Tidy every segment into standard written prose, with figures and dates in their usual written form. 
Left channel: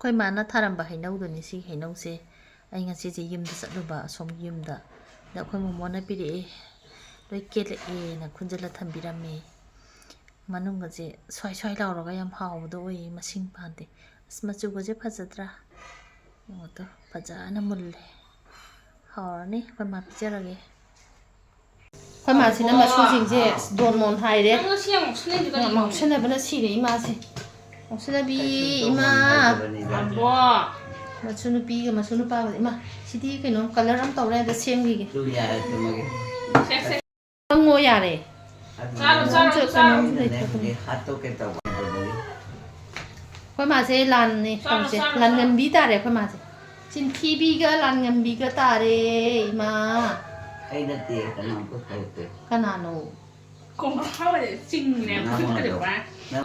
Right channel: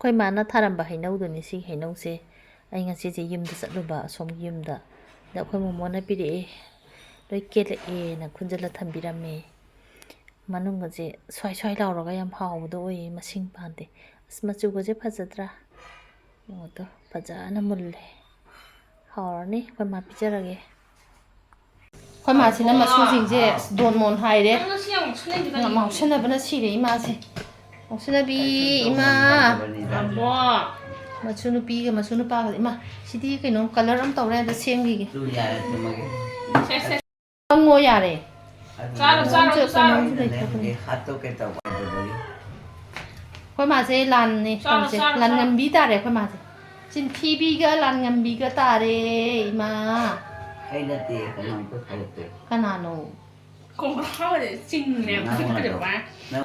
ꯑꯩꯈꯣꯏ ꯃꯥꯅ ꯊꯥꯔꯝꯕ ꯍꯩꯅꯧꯗꯨꯅꯤ ꯁꯤ ꯍꯩꯅꯧꯁꯦ ꯑꯩ ꯉꯁꯤꯁꯦ ꯌꯨꯝꯗ ꯆꯠꯂꯨꯕ ꯑꯁꯣꯝꯒꯤ ꯌꯨꯝꯗ ꯑꯗ ꯑꯩꯈꯣꯏ ꯃꯣꯃꯣꯅ ꯄꯤꯔꯛꯑꯦ ꯂꯣꯏ ꯀꯦꯜꯂꯛꯑꯦꯅ ꯈꯨꯟꯖꯤꯜꯂ ꯊꯝꯕꯤꯔꯝꯃꯦ ꯃꯅꯨꯡꯒꯁꯦ ꯁ꯭ꯋꯥꯏ ꯁ꯭ꯋꯥꯏ ꯂꯥꯎꯔꯒ ꯌꯥꯝ ꯍꯥꯎꯕꯗꯣ ꯑꯣꯏꯌꯦ ꯃꯁꯤꯡ ꯄꯥꯟꯗꯦ ꯑꯁ ꯃꯆꯨꯒꯁꯦ ꯐꯖꯗ꯭ꯔꯥ ꯌꯦꯡꯉꯣꯇꯣ ꯐꯖꯅ ꯃꯨꯜꯂꯦ ꯍꯥꯎꯔꯅꯤ ꯑꯩꯈꯣꯏ ꯃꯥ ꯄꯤꯖꯔꯒꯦ ꯑꯩꯈꯣꯏ ꯃꯥꯁꯤꯅ ꯃꯁꯨꯁꯤꯡꯁꯦ ꯗꯣꯟ ꯃꯣꯟ ꯍꯥꯏꯔꯦ ꯉꯥꯎꯁꯟꯅꯕꯅ ꯁꯤꯔꯦ ꯏꯃꯥꯁꯦ ꯉꯥꯎꯁꯟꯅꯕꯤ ꯏꯃꯥ ꯃꯁꯨ ꯅꯨꯄꯤꯒ ꯃꯁꯨ ꯅꯨꯄꯥꯒ ꯏꯃꯥ ꯁꯤꯗꯤ ꯀꯩꯅꯣ ꯀꯂꯔ ꯑꯃ ꯇꯧꯔꯦ ꯑꯗ ꯁꯦꯝꯈꯤꯒꯦ ꯍꯪꯉꯣ ꯌꯥꯔꯦ ꯑꯩꯈꯣꯏ ꯃꯥꯁꯦ ꯂꯥꯟꯅꯦ ꯇꯧꯁꯦ ꯂꯥꯟꯉꯝꯕꯤ ꯇꯥꯔꯦ ꯑꯩꯈꯣꯏ ꯃꯥꯁꯦ ꯆꯤꯟꯊꯤꯕꯤꯒ ꯂꯥꯟꯉꯝꯕꯤꯒ ꯇꯥꯔꯦ ꯏꯃꯥ ꯑꯩ ꯅꯠꯇꯦ ꯀꯅꯥꯝꯇ ꯊꯧꯔꯛꯇꯦ ꯀꯅꯥꯅꯣ ꯀꯣꯡꯒ꯭ꯔꯥꯎꯗꯤ ꯆꯤꯡꯅꯦ ꯈꯨꯠꯀꯗꯣ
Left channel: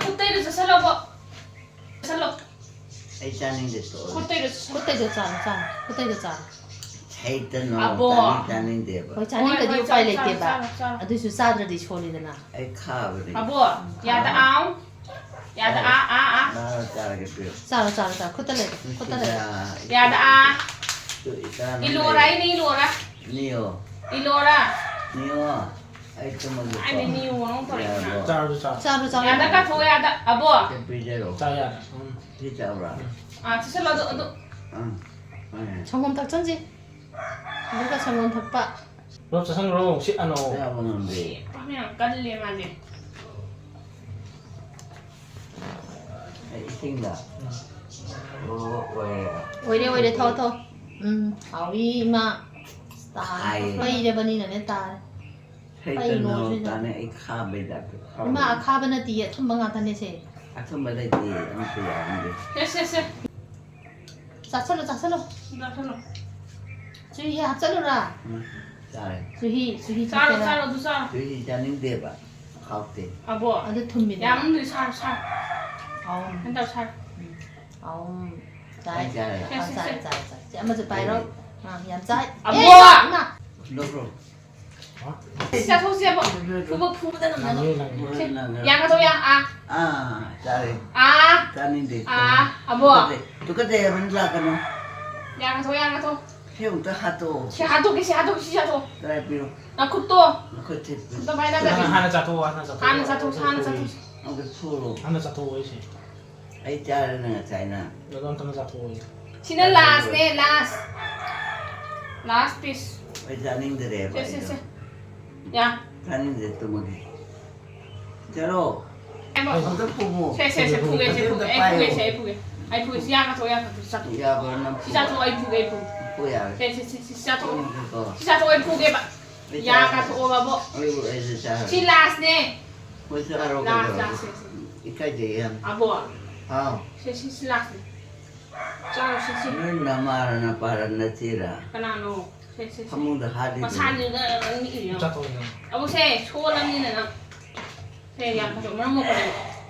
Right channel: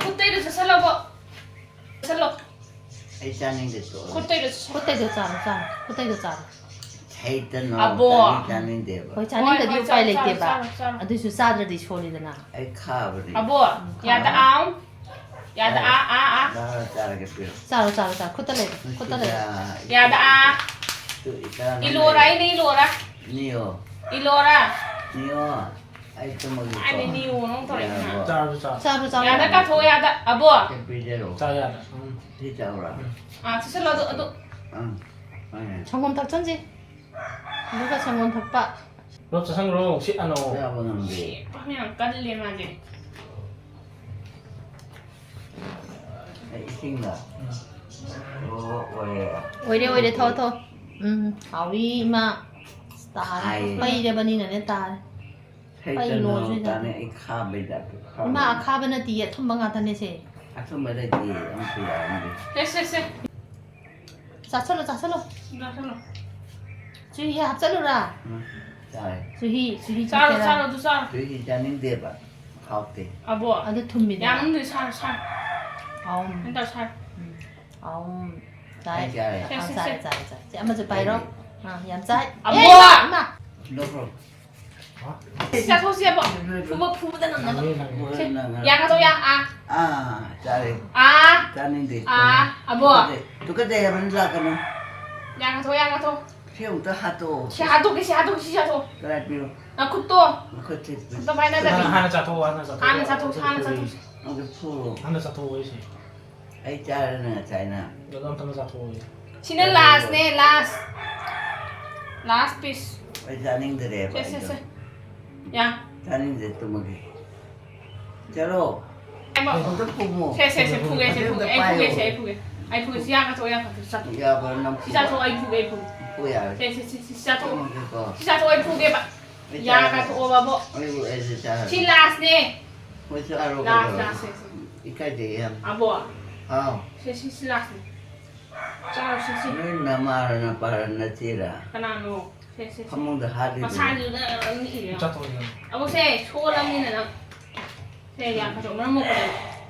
ꯈꯨꯠꯇꯩꯗꯣ ꯆꯠꯁꯜꯂꯣꯕꯣ ꯆꯠꯁꯜꯂꯣ ꯑꯩ ꯆꯥꯅꯤꯡꯗꯦ ꯈꯨꯠꯇꯩꯗꯣ ꯆꯥꯔꯣ ꯈꯨꯠꯇꯩꯗꯣ ꯆꯥꯔꯣ ꯁꯩꯇꯅꯣ ꯆꯥꯅꯤꯡꯗꯦꯕ ꯍꯣꯏ ꯆꯥꯅꯤꯡꯗꯗꯤ ꯎꯄꯥꯏ ꯂꯩꯇꯦꯕ ꯑꯗꯨꯁꯨ ꯆꯥꯗ꯭ꯔꯗꯤ ꯁꯣꯜꯂꯤꯗꯅ ꯑꯩ ꯈꯥꯕꯅꯤ ꯑꯕꯣ ꯌꯥꯗ ꯑꯥꯎ ꯌꯥꯗ ꯆꯥꯔꯒꯦ ꯄꯤꯔꯣ ꯆꯥꯔꯣ ꯈꯨꯠꯇ ꯂꯩꯔꯣ ꯈꯨꯠꯇ ꯂꯩꯔꯣ yada ilora ini ilora Nio ilora Nio ai tumagi ai ni niu nong thoi na charo yada ka tho yada abo Pijero 짜야 Thi chaura sisa lo do 정검 닭전지 누가 정검 닭바 너 자상으로 시 안어 Ya banambe kami kan le ma je Ai singla 오이래 더 아위 마 빠이래버니네 딸 Sайтano tane ai khabe da 마 아카바나 뒤에 tumba 같다네 세 Athumba dai ti amte yaande se 자철로 da salo 주희 합절로라 Chai 주희 chalo du sa Tui janingde ba khawte abo 아주 tum비네 yang ni sa 아움 nda sa 아움 Ai 짜이 chai 짜이 아마 저 바이로 얌짜이 abo 엄마 Dobro sisa tho sia bo fu da na yang ka tho yang Chai Janingde abo Tukade yaman la kanu yang ka tho Heu ta hato si hatu Trai piro na kutto Makote to mai na da 하나 자토 ana sa tho Ang puro 하나 자토 왜시 Ai chai na chai na 너도 한번 자토 왜 sina last piece Ai janingde re ba se ya Janingde tumagi Chalo Ang to pumo se puge ai puge si yang ka tho sa Ya ba nam sisa tho ai puge Puya se sisa tho ai puge ba yang ka tho ba bo Ai bu ai cha si last ne Mo sa aro last ka se Ikai de yam abo Ha si last ne chao si Ni namara na para na tira kana no se Hamung da hadi masan ni da ni ya 자토냐 abo se cholam ni na se yang ka tho ma mo ko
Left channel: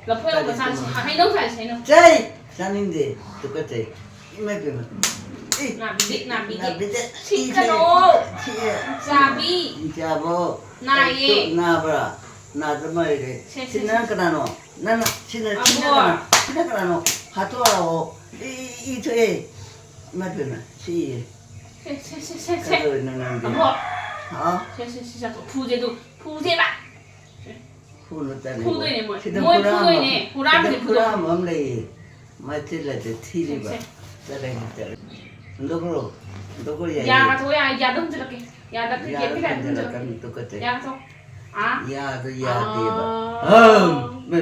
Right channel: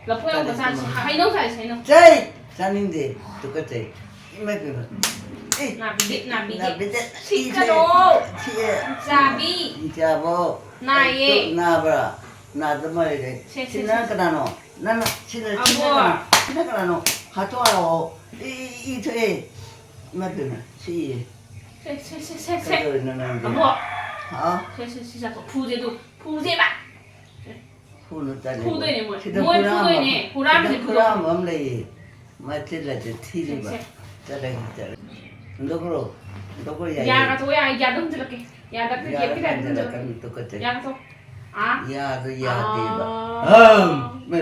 la pho yo masan si hai no sai no Chai janingde tukate Imai pe na bi Na bide si ka no Chia jabi Jabo Na ye. Na bra Na zamai de China kana no Na china kana no Hato ao I tue Ma pe na si se Ka na na de abo Ha se sa to pu de ba Fu no ta ne 푸도 있네, 뭐. Chida 뭐에 pura 푸도 있네. 보람이 푸도. pura mam le Ma chila de thiri ba Tada kita Ndokro Ndokro ya 야가 도야 야동 들을게 야다 그 Ya 예쁘게 안 kan 들어 kan tukate 야가 도 아? Ya do ya de ba Me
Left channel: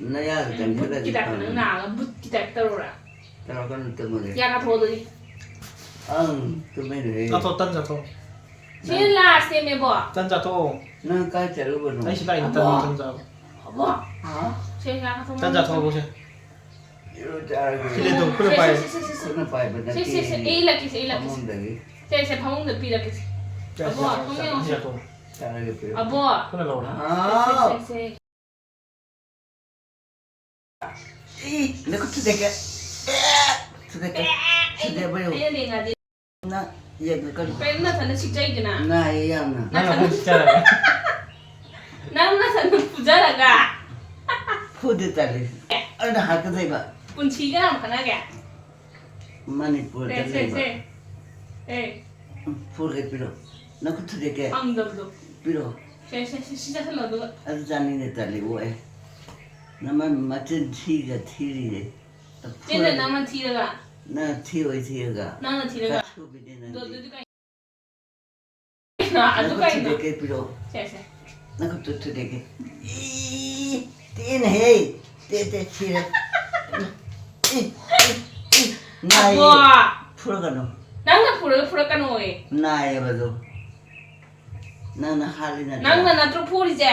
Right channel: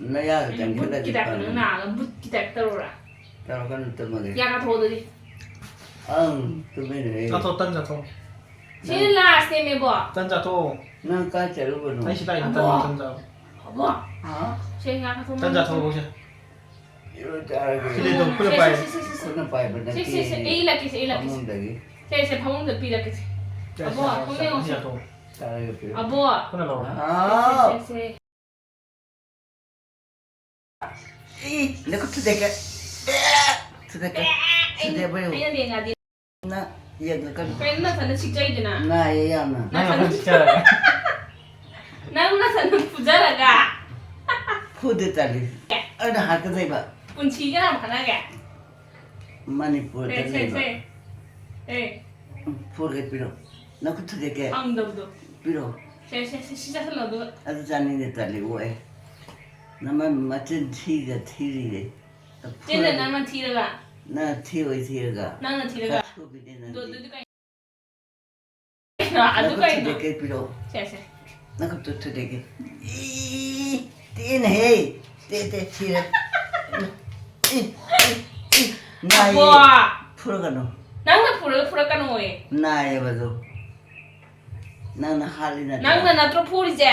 na ya kan kila di 묻기다 pa 그는 나 묻기다 떨어라 Tara kan tumage 야가 도들이 tumere 자토 딴 자토 신라 스테미 뭐 딴 자토 Nang ka charu ba no 아이시다 있다 딴 자토 뭐 Ha 제 야가 도 딴 자토 보세 Yo chara ke 그래도 그래 봐요 Kuna pai ba na ki 에일라키 Amon dagi 세세 방문도 삐라키 자토 Chara ke pe 아뭐 그래 나와 세세 Naku tudeka Tudeka ba yo 아니 내가 네 Na ya kan 맨날 사는 식자이드나 Na ya na 나는 진짜 나는 사는 부자라가 Fu de tali Ana ha ka dai ba 분치가 하나게 Manipur 세, 세, leba. 세. 에, Purge piro. Na kutude ke 앙더도. piro. 세, 세, 세, 시작하려도. Adu jani de tali oe. Na ma matin thi ga thiri de. 쟤는 나만 티르가. Na thi oi thi ga. 나는 티르가. Kasu bi de na. 너, Na 누가 나 아주가 kutude 있나? ke piro. 세, 세. Na kutude ke. Ii tin hey. Te thira. Na ye. 아빠. Purga no. 낭나 풀어까노에. Na ye ba do. Na na hali na. 낭나 나트로 풀이제.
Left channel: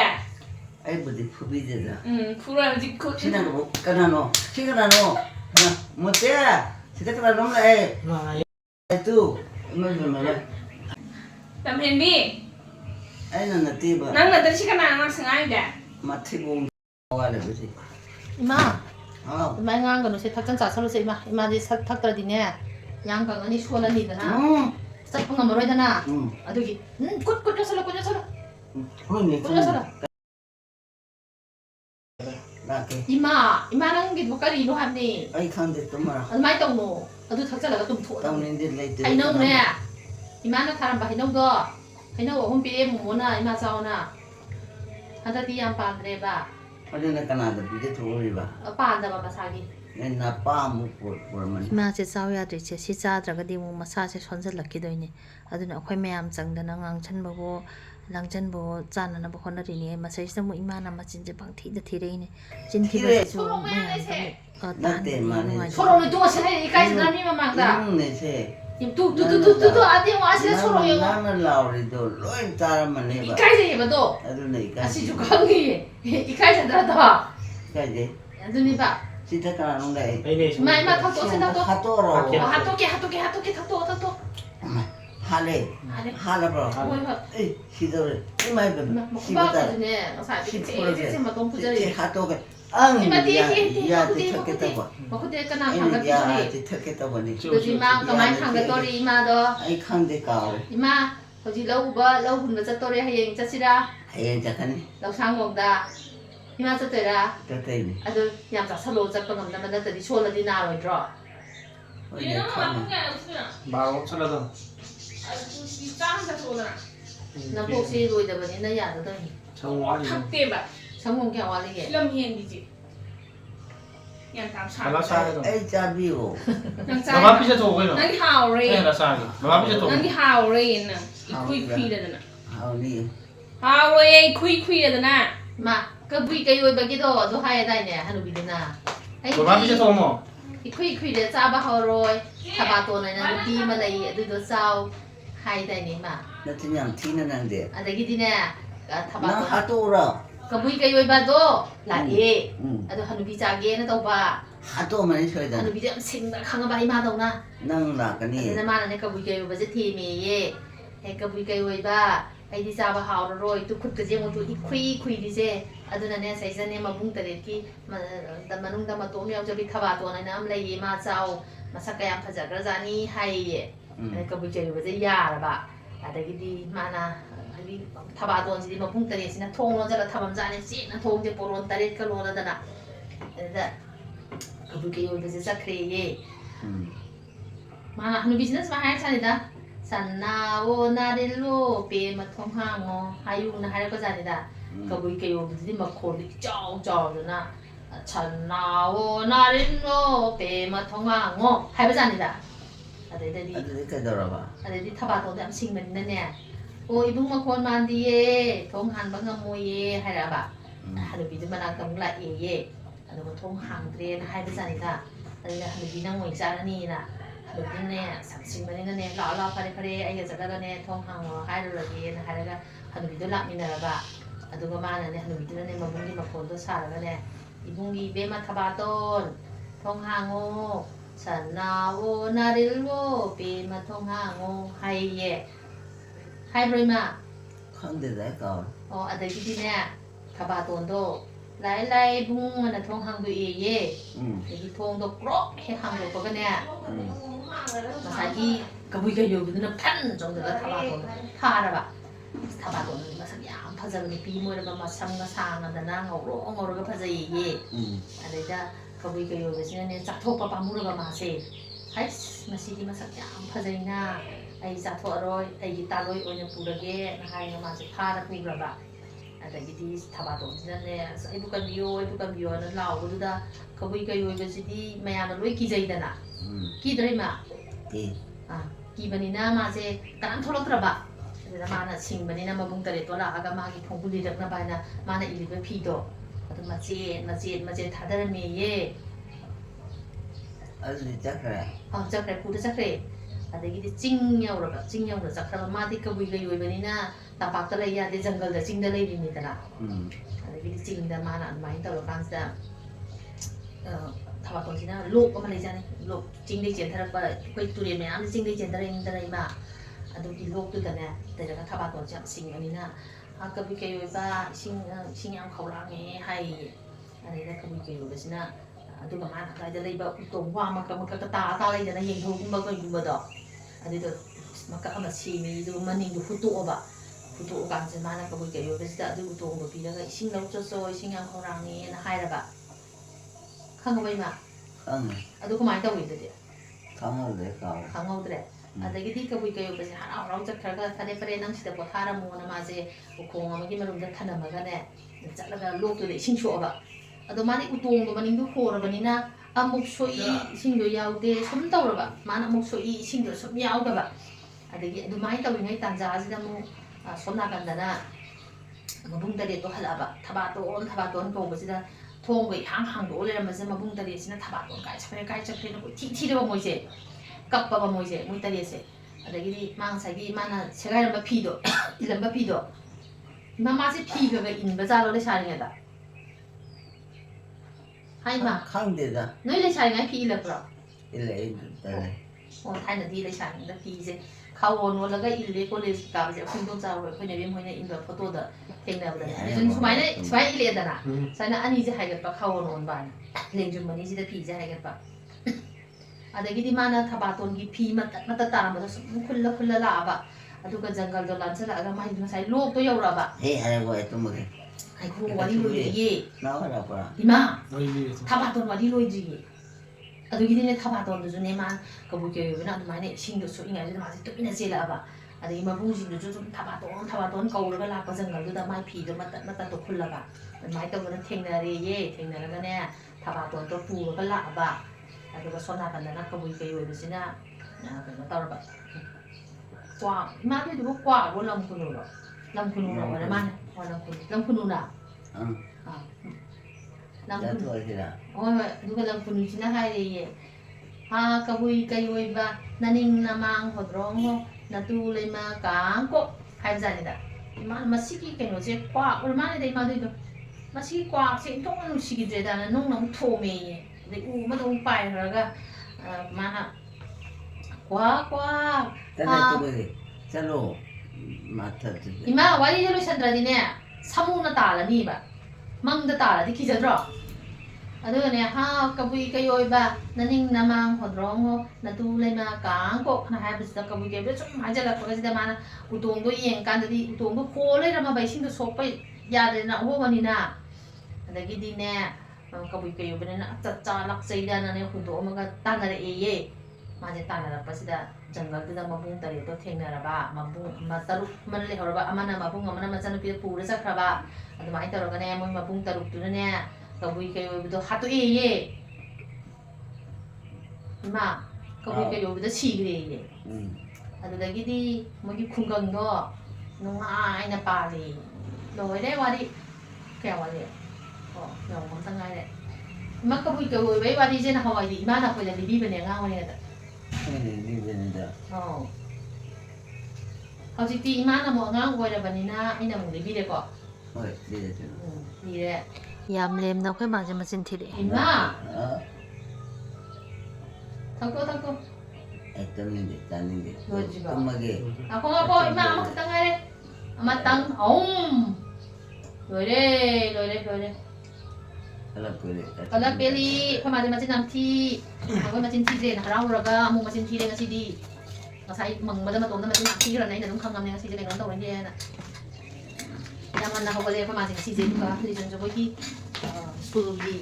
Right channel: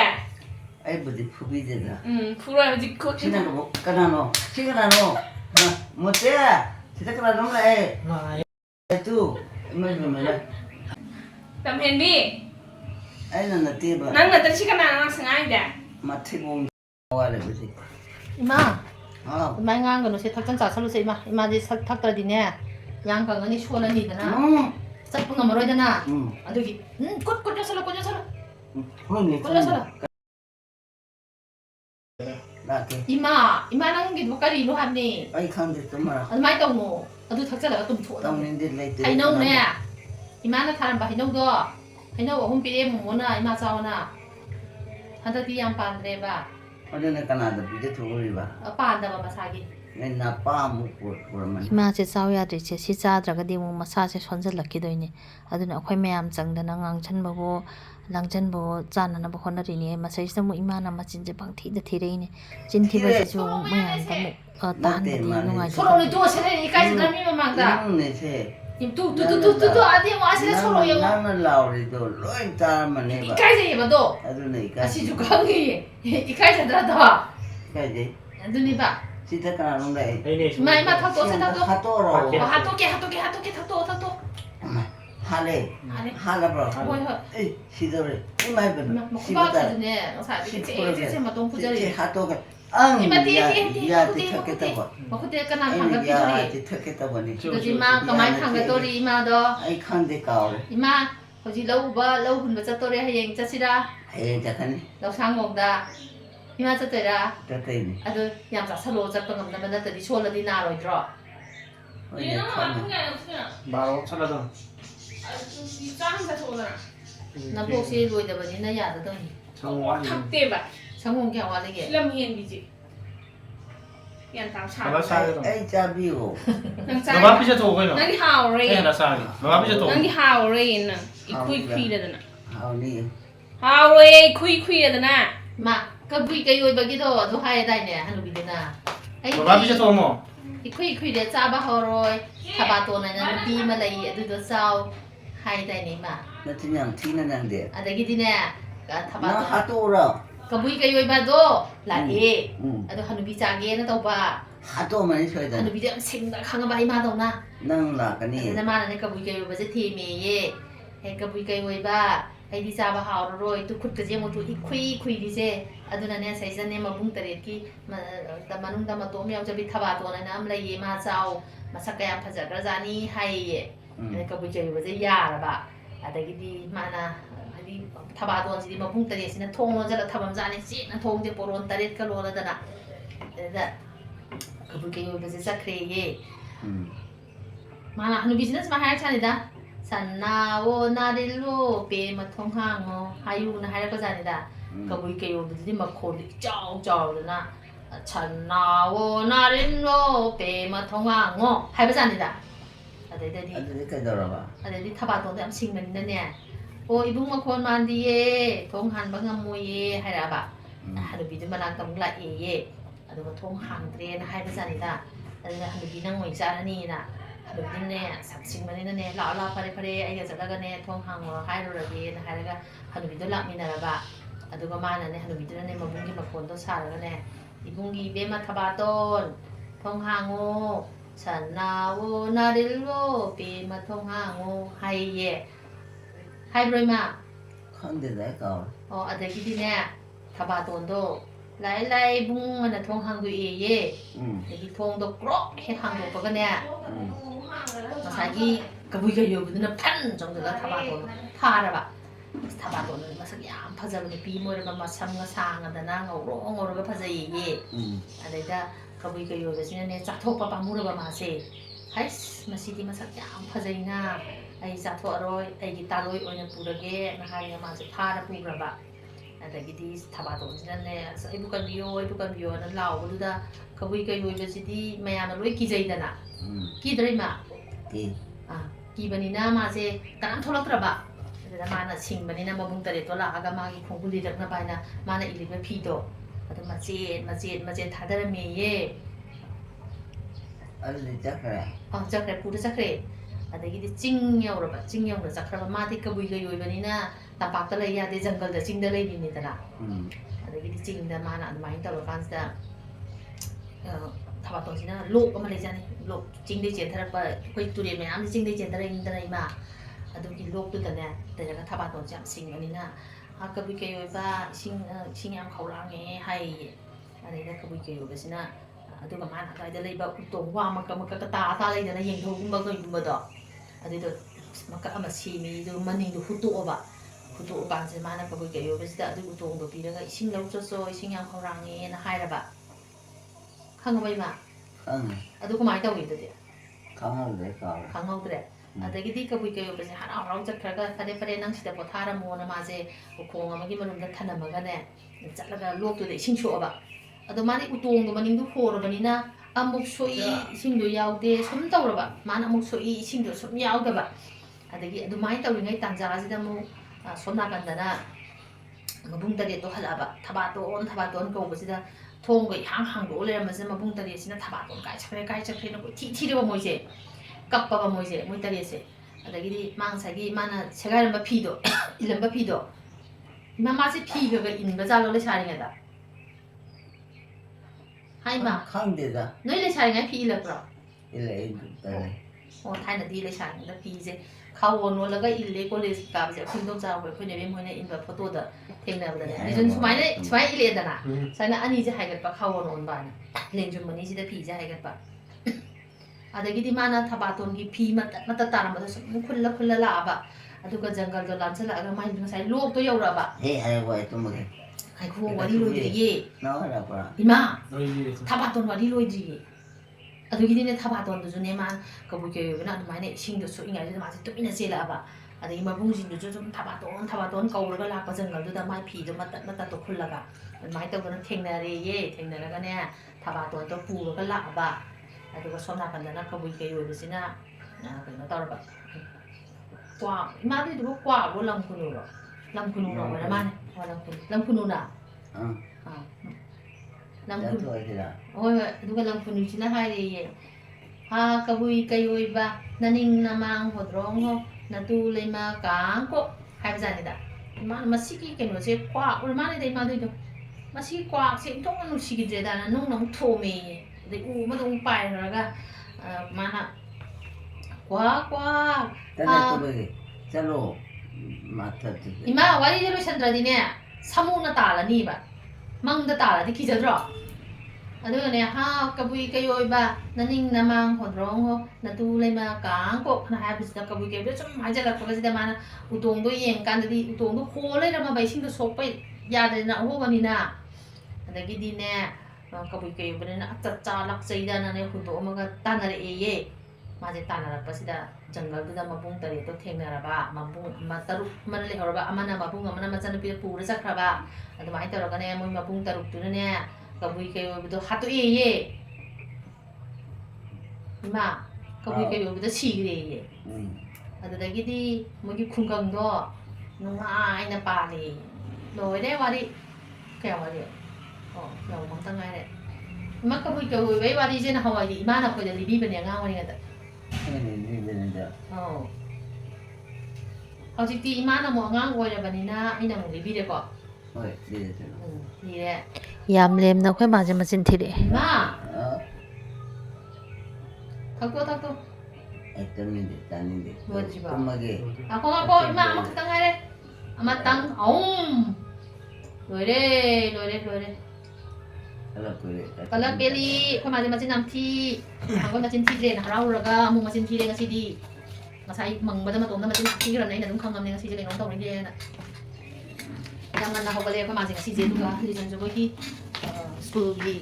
Ai budi phubi de da. 풀어야지. 그, Sina ko kanano. Sikanano. Na motea. Sita kanano la eh. Nah, Tu. Ma. 남편비. Ai na tiba. 낭나 또 시간 안 승아이다. Mathibong wala bisi. 이마 Ah. 이마 ngang 세 탁장 짜살로세 이마디 석 탁들디네 양강은이 수원이잖아 싹 ngầm 아저기 꽂혀서 Honi. 꽂혀서 Laki. 이마랑 게 뭐까지 이로 합니 Ai khande tumara. 얼마이 똥노 아주 탁자라가 좀 Tong 좋아 ni dit lai te. 하이농네 이마나 사람 봐 하이농도 하이농 홈피에 뭐나 이마 사오나 한다디 양 반드레바 Aduna kanada bide thori ba. 빠한다바 마사기 Ne na pa mu por man. 이마세 싸워야지 시 짜드라가디 뭐 마사세 손절락기도이니 아두나 ꯑꯩꯈꯣꯏ ꯃꯌꯥꯝ ꯆꯪꯗꯅ ꯉꯥꯡꯁꯟꯕꯕꯨ ꯂꯥꯡꯁꯟꯕꯕꯨ ꯆꯥꯅꯅꯕ ꯍꯣꯠꯅꯔꯤꯅꯤ ꯃꯁꯩꯁꯤꯗ ꯑꯃꯨꯛ ꯏꯃꯥꯅ ꯃꯆꯤꯟꯁꯦ ꯄꯪꯊꯤꯗ ꯊꯤꯔꯛꯏꯅꯤ ꯆꯤꯟ ꯊꯤꯕꯁꯤꯁꯨ ꯃꯌꯥꯝꯗ ꯑꯃꯨꯛ ꯇꯥꯍꯟꯕꯗꯤ ꯅꯨꯡꯉꯥꯏꯖꯗꯦ 서로를 두어서는 이까지 남이 mamang다. Ne se. 뚜뚜뚜뚜뚜 아디 와서 서로 요. Na lauri do loi tar mane ba. 이까지 해봐도. Aduna ikai. 아시 주강이 이까지 들어다. Kai de. 눈이 봐. Sita kanano lai. ini 이마 탁도 센다도. Hatoro. 핫도게 탁도. Hale. 아니. Hala bro. 뭐야? Eh, sidore. Imai ba. 먹어봤거든요. 사실 이제 뭐 부자리. Hatoke. Ang 이마 ya 띠띠띠 ya 먹고 te thaketa ba. 먹고 때까나 Ai ya 방가들이. te thaketa ba ni. 그지 마 그만 방가들이 이마도. Ai khande kaore. 이마 거기 lâu hun바 쩌또래 하행 쩌시라. Ai jakani. lâu 상공다. 이마 쩌또라. Tatei ni. 아주 양자 살로 잡고 넘는 데들이 쇼라디 나로이드로. Oi khane. baru saladang. 나 혹시 로이드버니나 야다더니. Semua ini. 성공 경화리게. Kalau saya tu. Ai chabi wo. Berapa bisa tu kau nanti ini? haure. Eh, dah sah. Berapa bisa tu? nanti haure na. Ikui dana. Hao ni. haure kui dana. 마 그부이 그요이버기도 도 하야다이네 하루비드나 Berapa bisa tu mo? 이쿠이쿠이데 짜바 허로이 타바토나나 누비마 레이 아두도 싸우 하야다이네 마 Na tinyang tina nande. 아다기디네 Na 타바토 hatora. 그부이 그요이바도 라에 Mm. 아두 하루비 짜게나 도바 Hato mani soida. 하루비데 생다 강아바 이마도나 Nang la kani. 아두나 마나네 그부이 그요이바제 테메예 그부이 그요이바 ꯑꯩꯗꯤ ꯆꯥꯕ ꯍꯥꯎꯔꯔꯣꯏ two ꯈꯨꯠꯀꯁꯦ ꯑꯃꯨꯛ ꯏꯈꯨꯏꯈꯨꯏꯔꯤꯁꯦ ꯑꯗꯨꯅꯅꯦ ꯁꯩꯁꯤꯗꯅꯦ ꯃꯕꯨꯡ ꯇꯔꯦꯠꯀꯤ ꯃꯅꯨꯡꯗ ꯃꯇꯣꯝ ꯌꯥꯎꯖꯕꯤ ꯊꯕꯥꯇꯣꯟ ꯍꯥꯏꯅ ꯑꯃ ꯂꯩꯌꯦ ꯃꯥ ꯆꯥꯎ ꯃꯁꯛ ꯀꯌꯥꯝ ꯐꯖꯈ꯭ꯔꯖꯥꯠꯅꯤ ꯍꯥꯏꯌꯦ ꯀꯕꯨꯏ ꯀꯩꯔꯨꯕꯁꯦ ꯌꯥꯔꯕ ꯑꯗꯒꯤꯗꯤ ꯃꯥꯅ ꯍꯥꯏꯗꯤ ꯊꯕꯥꯇꯣꯟꯁꯤꯗꯤ ꯃꯕꯨꯡ ꯇꯔꯦꯠꯁꯤꯅ ꯊꯣꯡ ꯂꯣꯟꯖꯜꯂ ꯊꯝꯃꯝꯖꯥꯠꯅꯤ ꯆꯦꯠꯅ ꯊꯣꯡꯁꯦ ꯄꯣꯔꯣꯟ ꯇꯔꯦꯠꯀ ꯂꯣꯜꯂꯗꯅ ꯑꯗꯨꯗ ꯀꯕꯨꯏ ꯀꯩꯔꯨꯕꯁꯦ ꯆꯠꯈ꯭ꯔꯦꯌꯦ ꯃꯥꯅ ꯍꯅꯨꯕꯤꯁꯤꯅ ꯁꯨꯃꯥꯏꯅ ꯍꯥꯏꯔꯛꯁꯥꯅꯤꯗ 산나오 나릴로 빼마통항어 하유나 할 거잖니다. 그부이 개요부들이 막 고리 쩌쩌르나 산나오 나릴로 빼마통항어 할 거잖니다. 아들들이 Adu ka doraba. 아들들이 타바도 ям 싱만이네. 오 이분 막콘 만디에 동한 방아모예 하라바. 하루비도 만나까 몰라 예예. 아주 통항들에 할 거잖니다. 아들 하루비는 뭐 있잖아니나. 그런데 삼십만이네 라라 파리파리 아이가 잡아가네 통항어 하루라기 하루가 하루비도 랍미나라가 아두가 많으네 하루비도네 먹는기 먹고도 살아가네 이bun기 베마 타바돈 통항어 산나오 나릴로 베마 통항어 하이예 하이브리마 Khande dai ka. 아들기디네 타바돈도 라이라이 붕만에 통항도 예예 여기 통도 꼭 해항도 거가네 마사기 그부이가 요구는 판 정도가 타바돈 타바돈은 마사기 양 파자고니 비모래가 마sam가 상하다나 ngầu 파자이게 아래다 그부이가 요구는 짝토빠 물어봐 마세 ꯍꯩꯁ ꯃꯁꯤꯗꯤ ꯃꯁꯛ ꯌꯥꯝ ꯐꯖꯩꯅ ꯑꯩ ꯆꯥꯊꯣꯛꯑꯔꯣꯏ ꯑꯩꯒꯤ ꯇꯥꯂꯣꯏ ꯑꯣꯏꯅ ꯄꯨꯔꯒꯦꯅ ꯍꯥꯏꯔꯒ ꯃꯥꯁꯦ ꯐꯥꯔ ꯄꯨꯈ꯭ꯔꯕ ꯑꯗꯒꯤꯗꯤ ꯊꯕꯥꯇꯣꯟꯁꯤꯅꯅꯦ ꯑꯁ ꯑꯩꯕꯨ ꯀꯟꯕꯤꯌꯣꯅ ꯂꯥꯎꯕꯗꯨꯗ ꯀꯕꯨꯏ ꯀꯩꯑꯣꯏꯕꯁꯤꯗꯤ ꯃꯌꯥꯝꯅ ꯂꯣꯏ ꯀꯤꯖꯩꯗꯅ ꯀꯤꯗ꯭ꯔ ꯏꯃꯥ ꯀꯤꯕꯅꯤꯅ ꯃꯥꯁꯦ ꯀꯅꯥꯝ ꯊꯣꯛꯂꯛꯇ꯭ꯔꯕ ꯑꯗꯨꯗ ꯃꯥꯅ ꯁꯤꯡꯕꯅꯤꯅ ꯃꯕꯨꯡ ꯇꯔꯦꯠꯇꯣ ꯂꯥꯛꯑꯒ ꯃꯥꯒꯤ ꯈꯣꯡꯕꯨ ꯂꯤꯔꯛꯅꯕ ꯍꯥꯏꯅ ꯃꯥꯅ ꯏꯜꯂꯤꯕ ꯐꯤꯗꯣ ꯑꯗꯨ ꯃꯆꯦꯠ ꯊꯥꯗꯔꯝꯃꯦꯌꯦ ꯑꯗꯨꯗꯤ ꯆꯠꯈ꯭ꯔꯦ ꯆꯠꯈ꯭ꯔꯦ ꯄꯨꯔ ꯆꯠꯈ꯭ꯔꯦ ꯑꯗꯒꯤꯗꯤ ꯆꯤꯡ ꯌꯧꯔꯕ ꯆꯤꯡ ꯌꯧꯅ ꯆꯠꯈ꯭ꯔꯕ ꯃꯥꯗꯤ ꯀꯕꯨꯏ ꯀꯩ ꯑꯣꯏꯕꯅꯤꯅ ꯇꯝꯄꯥꯛꯇ ꯂꯩ ꯌꯥꯗꯦ ꯖꯪꯒꯜꯗ ꯆꯤꯡꯗ ꯂꯩꯔꯤꯅꯤꯗꯅ ꯑꯗꯒꯤꯗꯤ ꯆꯤꯡꯗ ꯃꯥꯅ ꯑꯗꯨꯃꯥꯏꯅ ꯇꯧꯔꯀꯥꯟꯁꯤꯗ ꯊꯕꯥꯇꯣꯟꯁꯤꯅ ꯂꯣꯛ ꯑꯃ ꯂꯩꯖꯥꯠꯅꯤ ꯂꯣꯛ ꯆꯤꯡꯗꯩ ꯆꯦꯟꯊꯔꯛꯄ ꯑꯩꯈꯣꯏ ꯇꯨꯔꯦꯜ ꯃꯌꯥꯝꯁꯦ ꯆꯤꯡꯗꯩ ꯆꯦꯟꯊꯔꯛꯏꯅꯤꯗꯅ ꯏꯃꯥ ꯑꯗꯨꯒꯤ ꯂꯣꯛꯇꯨꯗꯅꯦ ꯂꯩꯔꯒ ꯊꯕꯥꯇꯣꯟꯁꯦ ꯌꯥꯝ ꯁꯤꯡꯕꯅꯤꯅ ꯀꯕꯨꯏ ꯀꯩ ꯑꯣꯏꯕ ꯏꯁꯤꯡ ꯌꯥꯝ ꯈꯧꯔꯥꯡꯉꯦ ꯍꯥꯏꯌꯦ ꯑꯗꯩꯗ ꯀꯕꯨꯏ ꯀꯩ ꯑꯣꯏꯕꯁꯤꯅ ꯑꯗꯨꯒ ꯃꯥꯅ ꯑꯗꯨꯋꯥꯏꯗ ꯂꯩꯕ ꯎꯇꯣꯡ ꯋꯥ ꯃꯀꯛ ꯇꯥ ꯂꯩꯗꯅ ꯌꯦꯡꯊꯧꯒꯨꯝꯕ ꯀꯩꯒꯨꯝꯕꯗꯣ ꯑꯗꯨꯗꯣ ꯃꯀꯛ ꯑꯃ ꯁꯦꯝꯃꯤ ꯑꯗꯨꯒ ꯃꯅꯤꯡꯗꯣ ꯍꯨꯠꯇꯣꯛꯑꯀꯥꯟꯁꯤꯗ ꯃꯥꯅ ꯀꯕꯨꯏ ꯀꯩ ꯑꯣꯏꯕꯁꯤꯗ ꯑꯗꯨꯒꯤ ꯎꯇꯣꯡꯗꯣ ꯄꯤꯔꯒ ꯏꯁꯤꯡ ꯂꯧ ꯆꯠꯆꯣ ꯏꯁꯤꯡ ꯌꯥꯝ ꯈꯧꯔꯥꯡꯉꯦꯅ ꯍꯥꯏꯔꯕ ꯈꯪꯉꯕ ꯏꯃꯥ ꯈꯪꯉꯦ ꯑꯗꯨ ꯀꯃꯥꯏꯅ ꯇꯧꯏ ꯑꯗꯨꯗꯤ ꯈꯪꯍꯧꯗ꯭ꯔꯦ ꯀꯥꯎꯔꯦ ꯈꯪꯍꯧꯗ꯭ꯔꯦ ꯑꯗꯒꯤꯗꯤ ꯀꯕꯨꯏ ꯀꯩ ꯑꯣꯏꯕꯁꯦ ꯍꯔꯥꯎ ꯆꯠꯈ꯭ꯔꯒ ꯐꯔꯦ ꯅꯪ ꯁꯤꯗ ꯄꯣꯊꯥꯔꯝꯃꯣꯅ ꯃꯥꯁꯦ ꯎꯈꯣꯡ ꯑꯃꯒꯤ ꯃꯅꯨꯡꯗ ꯊꯅꯝꯃꯒꯅꯦ ꯆꯠꯂꯒ ꯂꯣꯛꯇꯨꯗ ꯏꯁꯤꯡ ꯁꯣꯛꯑꯕ ꯑꯗꯣ ꯃꯥꯗꯤ ꯎꯇꯣꯡꯗꯣ ꯃꯅꯤꯡꯗꯣ ꯍꯣꯔꯕꯅꯤꯅ ꯑꯃꯨꯛ ꯁꯣꯛꯏ ꯏꯁꯤꯡꯗꯣ ꯌꯥꯎꯗꯦ ꯁꯨꯝ ꯇꯧꯔꯕ ꯃꯥꯅ ꯑꯃꯨꯛ ꯁꯣꯛꯏ ꯏꯁꯤꯡꯗꯣ ꯁꯨꯝ ꯌꯥꯎꯗꯕ ꯑꯗꯒꯤ ꯑꯗꯨꯃꯥꯏꯅ ꯇꯧꯔꯤꯉꯩ ꯇꯥꯟꯖꯥꯁꯤꯗ ꯑꯃꯨꯛ ꯁꯣꯝ ꯅꯥꯀꯟꯗꯅ ꯃꯕꯨꯡ ꯇꯔꯦꯠꯇꯣ ꯍꯜꯂꯛꯑꯕ ꯊꯕꯥꯇꯣꯟ ꯀꯧꯕꯁꯤꯗ ꯊꯣꯡꯒ ꯍꯥꯡꯗꯣꯛꯑ ꯂꯩꯔꯝꯕꯁꯤꯗ ꯃꯕꯨꯡ ꯇꯔꯦꯠꯁꯤꯅ ꯊꯕꯥꯇꯣꯟ ꯀꯥꯏ ꯆꯠꯈ꯭ꯔꯦꯅ ꯀꯣꯏꯊꯤ ꯊꯤꯔꯕ ꯃꯣꯏꯁꯦ ꯀꯞꯄꯕ ꯃꯣꯏ ꯇꯔꯦꯠꯁꯦ ꯑꯗꯒꯤꯗꯤ ꯃꯥ ꯉꯁꯥꯏꯒꯤ ꯃꯥꯅ ꯁꯦꯒꯥꯏꯔꯝꯕ ꯐꯤꯗꯣ ꯏꯜꯂꯝꯕ ꯐꯤꯗꯣ ꯃꯥꯁꯦ ꯐꯤꯒ ꯏꯟꯕ ꯖꯥꯠꯂꯣ ꯂꯩꯁꯥꯔꯤꯉꯩꯗ ꯍꯥꯏꯃ ꯈꯪꯗꯦꯗ ꯅꯣꯏ ꯂꯩꯁꯥꯔꯤꯉꯩ ꯐꯤ ꯏꯜꯂꯛꯄ꯭ꯔꯣ ꯏꯜꯂꯛꯏ ꯑꯣ ꯊꯥꯏꯅꯗꯤ ꯂꯩꯁꯥꯔꯤꯉꯩꯗ ꯐꯤꯁꯦ ꯈꯥꯎꯔꯣꯟ ꯂꯣꯜꯂꯒ ꯏꯜꯂꯦ ꯀꯣꯂꯦꯖ ꯀꯥꯕꯁꯦ ꯑꯩꯈꯣꯏ ꯏꯟꯗꯣꯝꯆꯥꯍꯣꯏ ꯑꯩꯈꯣꯏ ꯅꯦꯕꯦꯝ ꯍꯣꯏꯅ ꯏꯟꯕ ꯐꯣꯇꯣꯗ ꯊꯦꯡꯅꯕꯗꯅꯦ ꯑꯗꯨꯁꯨ ꯁꯨꯃꯥꯏꯅ ꯏꯜꯂꯛꯑꯦꯗꯅ ꯁꯨꯃꯥꯏꯅ ꯑꯅꯤꯁꯦ ꯍꯥꯏꯒꯠꯄ ꯈꯥꯎꯔꯣꯟ ꯑꯣꯟꯕꯅ ꯂꯦꯡꯖꯨꯝ ꯑꯅꯤꯁꯤꯗ ꯐꯤꯁꯦ ꯍꯥꯏꯒꯠꯄ ꯑꯗꯒꯤꯗꯤ ꯃꯥꯅ ꯊꯕꯥꯇꯣꯟꯒꯤ ꯐꯤ ꯃꯇꯠ ꯇꯥꯔꯝꯕꯗꯣ ꯁꯨꯝ ꯈꯨꯜꯂ ꯂꯥꯛꯑꯕ ꯑꯗꯨꯒ ꯖꯪꯒꯜꯗꯣ ꯂꯥꯟꯁꯤꯜꯂꯛꯑꯒ ꯃꯥꯒꯤ ꯉꯁꯥꯏ ꯂꯣꯛꯇꯣ ꯌꯧꯔꯛꯑꯕ ꯍꯥꯏꯔꯛꯄ ꯑꯩ ꯇꯨꯝꯃꯒꯦ ꯍꯥꯏꯈꯣ ꯋꯥꯔꯤ ꯂꯣꯏꯗ꯭ꯔꯤꯌꯦ ꯅꯪ ꯍꯥꯏꯔꯛꯄ꯭ꯔꯥ ꯏꯃꯥ ꯊꯕꯥꯇꯣꯟ ꯋꯥꯔꯤ ꯂꯣꯏꯗ꯭ꯔꯤꯌꯦ ꯑꯗꯨꯒꯤꯗꯤꯅꯦ ꯊꯕꯥꯇꯣꯟꯗꯨꯁꯨꯅꯦ ꯃꯥ ꯀꯕꯨꯏ ꯀꯩ ꯑꯣꯏꯕꯅ ꯑꯗꯨꯃꯥꯏꯅ ꯏꯁꯤꯡꯗꯣ ꯁꯣꯛꯏꯉꯩꯗꯨꯗ ꯃꯥꯁꯦ ꯇꯨꯃꯤꯟꯅ ꯆꯦꯜꯂꯛꯑꯕ ꯑꯗꯒꯤ ꯃꯕꯨꯡꯁꯤꯡꯗꯨꯁꯨ ꯁꯨꯝ ꯊꯕꯥꯇꯣꯟ ꯀꯧꯔꯒ ꯂꯥꯛꯄ ꯖꯪꯒꯜꯗꯨꯗ ꯃꯥꯏ ꯐꯤꯗꯣ ꯃꯇꯠꯇꯣ ꯈꯨꯜꯂꯒ ꯑꯗꯨꯃꯥꯏꯅ ꯇꯧꯗꯅ ꯊꯦꯡꯅꯔꯒꯅꯦ ꯊꯕꯥꯇꯣꯟꯗꯣ ꯄꯨꯔꯒ ꯂꯥꯛꯑꯕ ꯑꯗꯨꯒ ꯁꯣꯝ ꯅꯥꯀꯟꯗꯅ ꯀꯕꯨꯏ ꯀꯩ ꯑꯣꯏꯕꯁꯤꯅ ꯀꯩꯅꯣ ꯇꯧꯔꯕ ꯏꯃꯥꯗꯨꯏꯗꯨꯕꯨ ꯀ꯭ꯋꯥꯕꯣ ꯂꯝ ꯈꯨꯅꯨꯔꯣ ꯑꯣꯏꯔ ꯃꯥꯅꯦ ꯂꯝ ꯈꯨꯅꯨꯅ ꯍꯣꯏ ꯑꯗꯨꯒ ꯂꯝ ꯈꯨꯅꯨꯁꯤꯅ ꯍꯥꯏꯔꯦꯌꯦ ꯀꯕꯨꯏ ꯀꯩ ꯑꯣꯏꯕ ꯅꯅꯤꯡ ꯅꯃꯥꯡ ꯍꯣꯗ꯭ꯔꯣꯡꯍꯣ ꯅꯇꯨ ꯂꯩꯃ ꯀꯥꯡꯀꯣ ꯍꯥꯏꯕꯖꯥꯠꯅꯤꯗ ꯏꯃꯥꯅ ꯃꯁꯤꯒꯤ ꯀꯩꯅꯣꯁꯦ ꯀ꯭ꯋꯥꯛ ꯑꯣꯏꯔ ꯃꯥꯜꯂꯦꯗ ꯏꯃꯥꯗꯨꯏꯗꯣ ꯃꯁꯤꯒꯤ ꯀ꯭ꯋꯥꯛꯁꯦ ꯏꯟꯊꯣꯛꯅ ꯅꯨꯡꯁꯤꯈꯤꯗ꯭ꯔꯦꯗꯅ ꯅꯨꯡꯅ ꯑꯃꯨꯛ ꯊꯣꯝꯃꯦꯌꯦ ꯑꯗꯩ ꯎ ꯑꯃꯗ ꯑꯃꯨꯛ ꯄꯥꯏꯈ꯭ꯔꯒ ꯃꯥꯅ ꯀ꯭ꯋꯥꯛ ꯆꯠꯂꯣ ꯏꯃꯥ ꯋꯥꯔꯤꯁꯦ ꯂꯣꯏꯁꯟꯗ꯭ꯔꯗꯤꯅꯦ ꯁꯃꯨꯅ ꯇꯥꯜꯂꯅꯤꯕ ꯃꯪꯗ ꯇꯥꯜꯂꯗꯤ ꯀꯤꯖꯗ꯭ꯔꯣ ꯑꯗꯨꯒꯅꯦ ꯀꯕꯨꯏ ꯀꯩ ꯑꯣꯏꯕ ꯅꯅꯤꯡ ꯅꯃꯥꯡ ꯍꯣꯗ꯭ꯔꯣꯡꯍꯣ ꯅꯇꯨ ꯂꯩꯃ ꯀꯥꯡꯀꯣꯛꯅ ꯍꯥꯏꯕꯁꯤꯗ ꯀꯕꯨꯏ ꯀꯩ ꯑꯣꯏꯕ ꯁꯨꯝ ꯍꯥꯏꯖꯜꯂꯛꯄꯁꯤꯗ ꯃꯥꯅ ꯎꯇꯣꯡꯗꯣ ꯌꯦꯡꯀꯥꯟꯗꯗꯤ ꯎꯇꯣꯡꯗꯣ ꯍꯣ ꯂꯩꯔꯝꯃꯕ ꯏꯁꯤꯡꯗꯣ ꯁꯣꯛꯄ ꯌꯥꯗ꯭ꯔꯦꯗꯅ ꯑꯍꯣꯕꯅꯤꯅ ꯑꯗꯒꯤꯗꯤꯅꯦ ꯀꯕꯨꯏ ꯀꯩ ꯑꯣꯏꯕꯅꯤꯅ ꯆꯠꯆꯥ ꯂꯥꯛꯆꯩꯗꯅꯅꯦ ꯍꯨꯟꯗꯣꯛꯑꯝꯃꯒ ꯇꯥꯟꯅꯔꯛꯑꯦꯌꯦ ꯃꯥꯁꯦ ꯇꯥꯟꯅꯔꯛꯄꯁꯤꯗ ꯖꯪꯒꯜꯗꯨꯗ ꯃꯕꯨꯡ ꯇꯔꯦꯠꯇꯣ ꯊꯦꯡꯅꯔꯕ ꯃꯕꯨꯡ ꯇꯔꯨꯛ ꯑꯃꯅ ꯂꯩꯍꯧꯔꯕ ꯑꯃꯅ ꯃꯕꯨꯡ ꯑꯃꯅ ꯃꯆꯥꯅꯨꯄꯤꯗ ꯄꯨꯔ ꯆꯠꯈ꯭ꯔꯕ ꯑꯗꯨꯃꯥꯏꯅ ꯇꯧꯔꯒꯅꯦ ꯃꯣꯏ ꯃꯕꯨꯡ ꯇꯔꯨꯛꯇꯨꯅꯅꯦ ꯀꯕꯨꯏ ꯀꯩ ꯑꯣꯏꯕꯗꯣ ꯍꯥꯠꯇꯣꯛꯑꯦꯌꯦ ꯏꯃꯥ ꯀꯕꯨꯏ ꯀꯩ ꯑꯣꯏꯕꯗ ꯁꯤꯈ꯭ꯔꯦꯌꯦ ꯑꯗꯨꯗꯒꯤꯗꯤ ꯃꯣꯏꯒꯤ ꯈꯨꯡꯒꯪꯗꯣ ꯅꯨꯡꯉꯥꯏꯅ ꯄꯥꯜꯂꯦ ꯂꯣꯏꯔꯦ ꯋꯥꯔꯤ ꯀꯌꯥ ꯋꯥꯔꯤ ꯑꯝꯇ ꯉꯥꯏꯔꯦ ꯏꯃꯥ ꯀꯕꯨꯏ ꯀꯩ ꯑꯣꯏꯕꯩ ꯋꯥꯔꯤꯁꯦ ꯅꯍꯥꯟꯋꯥꯏꯗꯤ ꯏꯃꯥꯅ ꯑꯩꯈꯣꯏꯗ ꯂꯤꯕꯤꯕꯅꯦ ꯑꯉꯥꯡ ꯑꯣꯏꯔꯤꯉꯩꯗ ꯍꯧꯖꯤꯛꯇꯤ ꯏꯃꯥꯅ ꯑꯃꯨꯛ ꯑꯉꯥꯡ ꯑꯣꯏꯔꯕꯅꯤꯅ ꯑꯩꯅ ꯑꯃꯨꯛ ꯂꯤꯕꯤꯔꯦꯀꯣ ꯂꯤꯔꯦ ꯌꯥꯝ ꯂꯦꯝꯅ ꯑꯩꯈꯣꯏ ꯃꯥꯁꯦ ꯃꯆꯤꯟ ꯊꯤꯔꯛꯑꯦ ꯏꯃꯥ ꯊꯛꯇꯣ ꯇꯥꯅꯤꯡꯗꯦ ꯂꯣꯏꯗ꯭ꯔꯤꯕꯣ ꯇꯨꯝꯃꯒꯦ ꯉꯥꯏꯈꯣ ꯏꯃꯥ ꯑꯃꯈꯛꯇꯪ ꯉꯥꯏꯔꯦ ꯑꯃꯇꯪ ꯂꯣꯏꯔꯦ ꯀꯂ ꯄꯦꯜꯂꯤ ꯑꯩꯈꯣꯏ ꯃꯥꯁꯦ ꯃꯆꯤꯟ ꯌꯥꯝ ꯊꯤ ꯑꯩꯈꯣꯏ ꯃꯆꯤꯟ ꯊꯤꯗ꯭ꯔꯦꯅ ꯍꯔꯥꯎꯔꯒ ꯑꯃꯨꯛ ꯃꯆꯤꯟ ꯊꯤꯔꯦ ꯉꯁꯤꯗꯤ ngасai ꯃꯪꯕꯗ ꯃꯇꯣꯝꯗ ꯃꯆꯤꯟ ꯊꯤꯈ꯭ꯔꯕꯅꯦ ꯑꯩꯅ ꯑꯗꯨꯝ ꯈꯪꯉꯝꯅꯦ ꯉꯁꯤꯁꯦ ꯀꯩꯅꯣꯝ ꯇꯧꯔꯒꯦꯅ ꯌꯥꯝ ꯉꯟꯅ ꯍꯧꯒꯠꯂꯦ ꯑꯩꯈꯣꯏ ꯃꯥꯁꯦ ꯉꯁꯤꯁꯦ ꯑꯗꯨꯒ ꯍꯧꯖꯤꯛꯁꯨ ꯑꯩꯈꯣꯏꯒꯤ ꯁ꯭ꯀꯨꯜꯒꯤ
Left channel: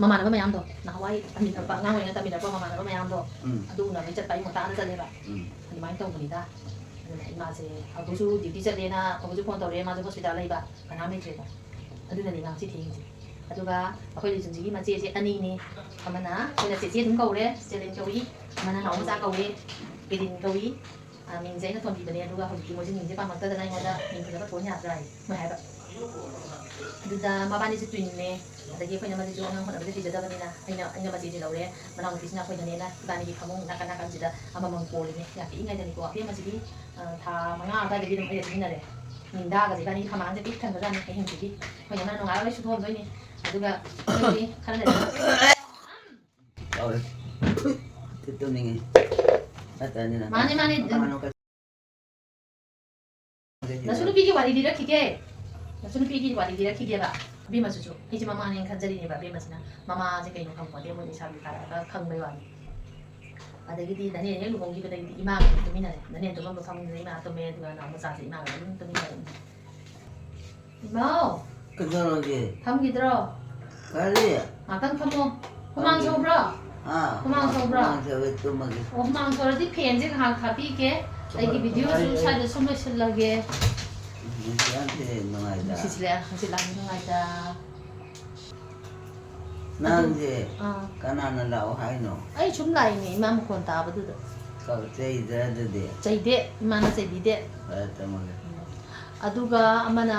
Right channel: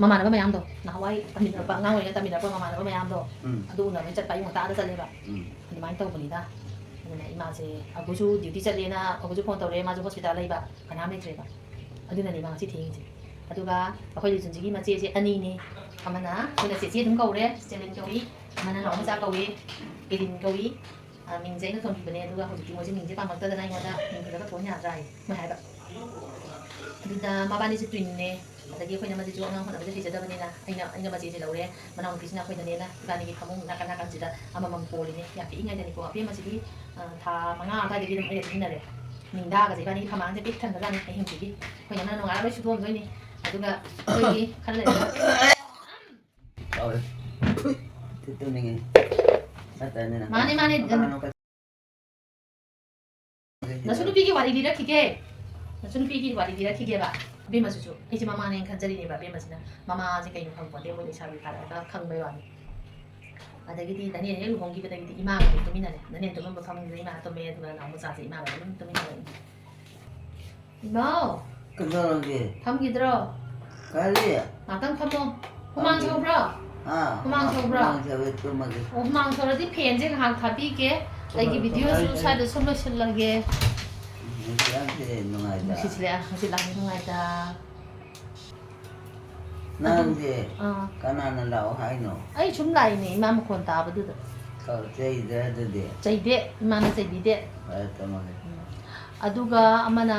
ꯃꯃꯥꯟꯅꯕ ꯃꯌꯥꯝꯗꯣ ꯅꯍꯥꯟꯋꯥꯏ ꯇꯝꯃꯤꯟꯅꯔꯛꯄ ꯑꯉꯥꯡ ꯑꯣꯏꯔꯤꯉꯩ ꯇꯝꯃꯤꯟꯅꯔꯛꯄ ꯃꯃꯥꯟꯅꯕ ꯃꯌꯥꯝꯗꯣ ꯑꯗꯨ ꯎꯅꯕꯩ ꯆꯠꯄ ꯑꯌꯨꯛ ꯉꯟꯇꯥꯗ ꯆꯠꯂꯦꯕ ꯑꯗꯨꯃꯥꯏꯅ ꯇꯧꯕꯅꯤꯗ ꯑꯗꯨꯅ ꯏꯃꯥꯁꯦ ꯑꯕꯨꯁꯨ ꯗ꯭ꯌꯨꯇꯤ ꯆꯠꯂꯦꯅ ꯑꯕꯨꯁꯨ ꯐꯣꯟ ꯇꯧꯔꯛꯑꯦ ꯃꯥꯁꯨ ꯍꯣꯁꯄꯤꯇꯥꯜ ꯂꯩꯕ ꯀꯅꯥꯝ ꯂꯩꯇ꯭ꯔꯦꯕ ꯑꯗꯨꯅꯅꯤ ꯉꯁꯤ ꯊꯦꯡꯉꯤꯁꯦ ꯑꯗꯨꯒ ꯑꯩꯈꯣꯏ ꯂꯤꯆꯨꯟꯁꯤꯒꯤ ꯃꯆꯦꯁꯦ ꯑꯅꯤꯅꯤ ꯑꯃꯅ ꯑꯩꯈꯣꯏꯅ ꯆꯦꯆꯦ ꯑꯗꯨꯝ ꯀꯧꯔꯦ ꯆꯦꯂꯤꯟ ꯀꯧꯏ ꯑꯃꯅ ꯅꯥꯎ ꯃꯆꯥ ꯀꯧꯏ ꯀꯦꯔꯤꯟ ꯀꯧꯏ ꯃꯤꯡꯁꯦ ꯑꯩꯅ ꯊꯣꯟꯕꯤꯕꯅꯦ ꯑꯗꯨꯒ ꯍꯧꯖꯤꯛꯇꯤ ꯃꯣꯏꯁꯦ ꯃꯤꯡꯁꯦ ꯄꯥꯝꯃꯛꯇꯗꯅ ꯑꯩꯉꯣꯟꯗ ꯃꯤꯡ ꯐꯖꯕ ꯊꯣꯟ ꯌꯥꯗ꯭ꯔꯥ ꯍꯥꯏ ꯃꯣꯏ ꯍꯥꯏꯕ ꯑꯗꯨꯗ ꯃꯕꯥꯅꯤꯁꯦ ꯇ꯭ꯋꯤꯟꯅꯦ ꯑꯗꯒꯤ ꯑꯩꯈꯣꯏꯅ ꯃꯗꯤꯁꯨ ꯑꯉꯥꯡ ꯍꯣꯠꯅꯕꯁꯦ ꯍꯩꯖꯗꯕꯅꯤꯅ ꯑꯩꯅ ꯃꯆꯦꯁꯦ ꯂꯧꯔꯦ ꯃꯅꯥꯎꯅꯨꯄꯤꯁꯤꯅ ꯑꯩꯈꯣꯏꯅꯅꯦꯅ ꯏꯕꯥꯅꯤꯒꯤ ꯐꯃꯨꯡ ꯅꯥꯀꯟ ꯅꯥꯀꯟꯁꯤꯗ ꯑꯃꯃꯝ ꯀꯣꯜꯂꯤꯅꯦ ꯌꯥꯝ ꯄꯤꯛꯏꯉꯩꯗꯅꯤꯀꯣ ꯑꯄꯦꯝꯕꯁꯤꯗꯤ ꯊꯥ 5 ꯑꯗꯨꯋꯥꯏꯗꯒꯤ ꯑꯗꯨꯝ ꯑꯩ ꯁꯤꯖꯤꯟꯅꯔꯦ ꯅꯤꯡꯗꯥꯒꯁꯦ ꯏꯕꯥꯅꯤꯒꯤ ꯈꯃꯥꯡꯁꯦ ꯄꯤꯛ ꯊꯟꯕꯖꯥꯠꯅꯤ ꯑꯍꯤꯡꯁꯤꯒꯤ ꯑꯩꯈꯣꯏ ꯌꯥꯝꯅ ꯅꯨꯡꯉꯥꯏꯔ ꯂꯣꯏ ꯁꯨꯊꯣꯟꯗꯣꯏꯅꯤ ꯑꯗꯨꯒ ꯑꯩꯈꯣꯏꯒꯤ ꯈꯔ ꯂꯩꯔꯒ ꯃꯥꯅꯦ ꯅꯁꯨ ꯅꯨꯄꯤꯒꯤ ꯋꯥꯔꯤ ꯂꯤꯔꯛꯈꯤꯒꯦ ꯅꯁꯨ ꯅꯨꯄꯤꯒꯤ ꯋꯥꯔꯤ ꯂꯤꯔꯛꯈꯤꯒꯦꯕ ꯑꯕꯦꯝꯃꯁꯤꯁꯨ ꯑꯩꯁꯦ ꯃꯃꯥꯅꯦꯅ ꯈꯟꯖꯔꯤꯅꯦꯕ ꯑꯕꯦꯝꯃꯁꯤꯅ ꯃꯃꯥꯁꯦ ꯀꯩꯅꯣ ꯈꯪꯄꯣꯟꯇꯦ ꯃꯣꯏ ꯂꯩꯁꯥꯕꯤ ꯐꯥꯔꯒ ꯈꯪꯕꯩ ꯋꯥꯅꯤ ꯑꯗꯒꯤꯗꯤ ꯙꯅꯦꯟ ꯍꯦꯛ ꯂꯨꯍꯣꯡꯈꯤꯕꯗꯒꯤꯗꯤ ꯏꯃꯥꯒ ꯑꯗꯨꯝ ꯇꯨꯃꯤꯟꯅꯔꯦ ꯙꯅꯦꯟ ꯇꯨꯝꯃꯝꯕ ꯐꯃꯨꯡꯗꯨꯗ ꯏꯃꯥ ꯇꯨꯝꯃꯦ ꯑꯗꯨꯒ ꯅꯥꯎ ꯃꯆꯥꯁꯦ ꯏꯃꯥꯒ ꯑꯗꯨꯝ ꯇꯨꯃꯤꯟꯅꯔꯦ ꯏꯃꯥꯎ ꯊꯝꯈꯤꯗ꯭ꯔꯣ ꯀꯔꯤ ꯉꯥꯛꯇꯪ ꯐꯝꯃꯣ ꯍꯨꯃꯥꯡ ꯁꯧꯕ꯭ꯔꯣ ꯍꯨꯃꯥꯡ ꯁꯧꯕ꯭ꯔꯣ ꯑꯣ ꯍꯨꯃꯥꯡ ꯁꯧꯔꯗꯤ ꯐꯦꯟꯁꯦ ꯉꯥꯏꯍꯥꯛ ꯊꯥꯕꯤꯒꯦ ꯑꯩꯒꯤ ꯚꯤꯗꯤꯑꯣꯁꯨ ꯁ꯭ꯋꯥꯏꯗ ꯁꯨꯝ ꯂꯣꯏꯁꯤꯜꯂꯒꯦ ꯅꯨꯡꯁꯤꯁꯤꯜꯂꯦ ꯉꯁꯤ ꯂꯥꯛꯄ ꯅꯨꯡꯉꯥꯏꯇ ꯅꯪꯁꯦ ꯀꯅꯥꯅ ꯂꯥꯛꯑꯣ ꯍꯥꯏꯅꯣ ꯑꯩ ꯁꯨꯝ ꯂꯥꯛꯏꯅꯦ ꯏꯃꯥ ꯃꯈꯣꯟ ꯇꯥꯕꯗꯨꯗ ꯆꯩꯗ꯭ꯔ ꯑꯗꯨꯗꯤ ꯆꯩꯗꯦ ꯏꯃꯥꯅ ꯆꯩꯕꯤꯗꯦ ꯑꯗꯨꯒ ꯑꯃꯅ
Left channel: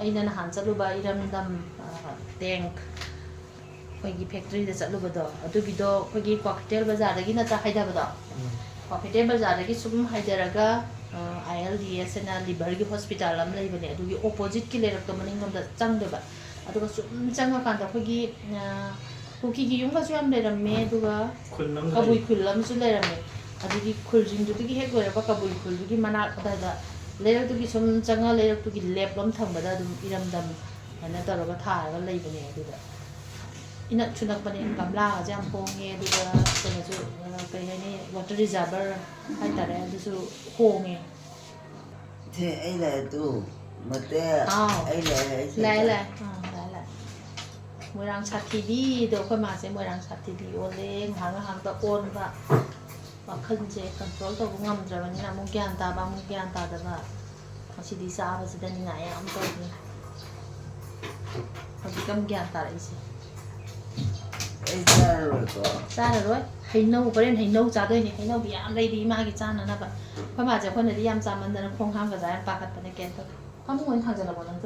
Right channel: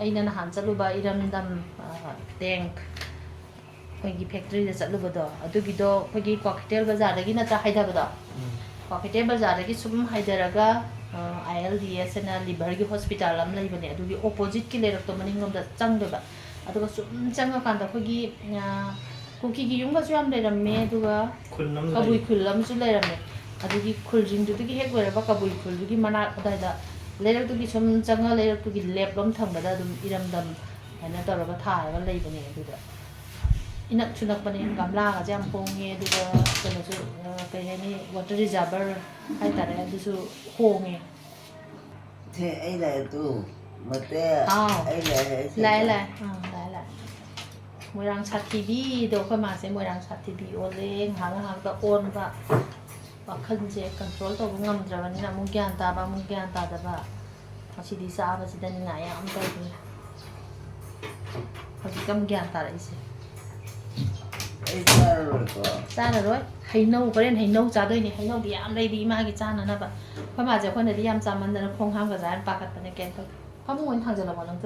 ꯑꯩꯅ ꯅꯍꯥꯟ ꯆꯠꯂꯨꯕ ꯏꯔꯝꯗꯝ ꯇꯦꯡꯛ ꯑꯩꯈꯣꯏꯒꯤ ꯐꯦꯛꯇꯔꯤꯗ ꯆꯠꯂꯨꯕꯗꯣ ꯑꯗꯨꯒꯤꯗꯣ ꯑꯩꯈꯣꯏꯒꯤ ꯀ꯭ꯋꯥꯀꯩꯊꯦꯜ ꯕꯖꯥꯔꯗꯒꯤ ꯅꯠꯇ꯭ꯔꯥ ꯍꯥꯏꯊꯕꯗꯣ ꯀ꯭ꯋꯥꯀꯩꯊꯦꯜ ꯕꯖꯥꯔꯗꯒꯤ ꯁꯨꯝ ꯍꯥꯏꯊꯔꯒ ILDS ꯑꯅ ꯂꯤꯚꯔꯒꯤ ꯍꯣꯁꯄꯤꯇꯥꯜ ꯑꯃ ꯂꯩꯕꯅꯦ ꯑꯗꯨꯒꯤ ꯑꯣꯄꯣꯖꯤꯠꯀꯤ ꯂꯩꯔꯛꯇꯣ ꯃꯅꯤꯡꯂꯣꯝꯗ ꯆꯪꯗꯣꯏꯕ ꯑꯗꯨꯒ ꯁꯨꯝ ꯆꯪꯉꯀꯥꯟꯗ ꯑꯩꯈꯣꯏꯒꯤ ꯀꯨꯀꯤꯒꯤ ꯌꯨꯝꯒꯁꯨ ꯌꯥꯝ ꯂꯩꯔꯝꯃꯦ ꯑꯗꯨꯒ ꯀꯕꯨꯏ ꯈꯨꯜ ꯑꯃꯁꯨ ꯂꯩꯔꯝꯃꯦ ꯑꯗꯨꯒꯤ ꯈꯨꯜꯁꯤꯡꯗꯨꯗꯒꯤ ꯍꯦꯛ ꯂꯣꯏꯔꯛꯄ ꯀꯕꯨꯏ ꯈꯨꯜꯗꯨꯒꯤ ꯃꯅꯥꯛ ꯑꯗꯨꯋꯥꯏꯗ ꯂꯩꯔꯛꯇꯨꯒꯤ ꯁꯨꯝ ꯆꯪꯉ ꯂꯩꯔꯛꯇꯨꯒꯤ ꯂꯦꯞꯂꯣꯝ ꯊꯪꯕꯗ ꯑꯗꯨꯝ ꯏꯔꯝꯗꯝ ꯍꯥꯏꯅ ꯇꯧꯔꯒ ꯊꯥꯔꯒ ꯂꯩꯕꯅꯦ ꯑꯗꯨꯗ ꯏꯅꯛꯁꯨ ꯅꯛꯄꯅꯦ ꯒꯝꯂꯥꯒꯁꯦ ꯌꯥꯝ ꯍꯣꯡꯉꯦ ꯑꯗꯨꯒ ꯀꯩꯅꯣꯁꯨ ꯀꯩ ꯍꯥꯏꯅꯤ ꯋꯥꯇꯔ ꯔꯤꯖꯥꯔꯚꯔ ꯍꯥꯏꯇꯥꯔꯦ ꯑꯗꯨꯁꯨ ꯍꯣꯡꯉꯦ ꯁꯦ ꯑꯩ ꯂꯥꯛꯑꯦ ꯇꯨ ꯃꯇꯦ ꯑꯩ ꯂꯥꯛꯑꯦ ꯂꯥꯛꯑꯦ ꯃꯣꯏꯔꯥꯡ ꯁꯥꯊꯤꯕꯤꯗꯣ ꯑꯩꯈꯣꯏ ꯃꯥꯁꯦ ꯃꯣꯏꯔꯥꯡ ꯁꯥꯊꯤꯕꯤ ꯑꯣꯜꯂꯦ ꯉꯥꯏꯍꯥꯛ ꯉꯥꯏꯍꯥꯛꯇ ꯑꯣꯟꯕ ꯋꯥꯈꯜꯁꯦ ꯀꯟꯇ꯭ꯔꯣꯜ ꯇꯧꯕ ꯉꯝꯗ꯭ꯔꯕꯅꯤꯅ ꯑꯃꯨꯛ ꯒ꯭ꯌꯥꯟ ꯇꯥꯕ ꯑꯃꯨꯛ ꯒ꯭ꯌꯥꯟ ꯇꯥꯗꯕ ꯉꯁꯤꯗꯤ ꯆꯥꯕꯁꯤꯗ ꯅꯤꯡꯉꯥꯏ ꯌꯥꯝ ꯇꯧꯕꯅꯤ ꯍꯧꯖꯤꯛ ꯑꯃꯨꯛ ꯒ꯭ꯌꯥꯟ ꯇꯥꯔꯛꯏꯁꯦ ꯑꯩ ꯆꯥꯔꯔꯣꯏꯀꯣ ꯆꯥꯔꯔꯣꯏ ꯍꯩꯅꯧ ꯍꯣꯔꯦꯟ ꯍꯩꯅꯧ ꯆꯥꯗꯣꯏꯅꯦ ꯍꯩꯅꯧꯗꯤ ꯌꯥꯝ ꯂꯩꯔꯤ ꯏꯃꯥꯒꯤ ꯆꯥꯅꯅꯕ ꯑꯩꯈꯣꯏ ꯃꯥꯁꯦ ꯑꯩꯈꯣꯏꯅꯗꯤ ꯌꯥꯝ ꯆꯥꯃꯟꯗꯅ ꯈꯣꯡ ꯍꯥꯝꯒꯗ꯭ꯔꯥ ꯍꯥꯏꯅ ꯄꯥꯈꯠꯄꯅꯦ ꯀꯩꯝ ꯇꯧꯗꯦ ꯐꯃꯨꯡ ꯑꯣꯏꯅ ꯊꯥꯡꯖꯜꯂꯕꯣ ꯅꯪ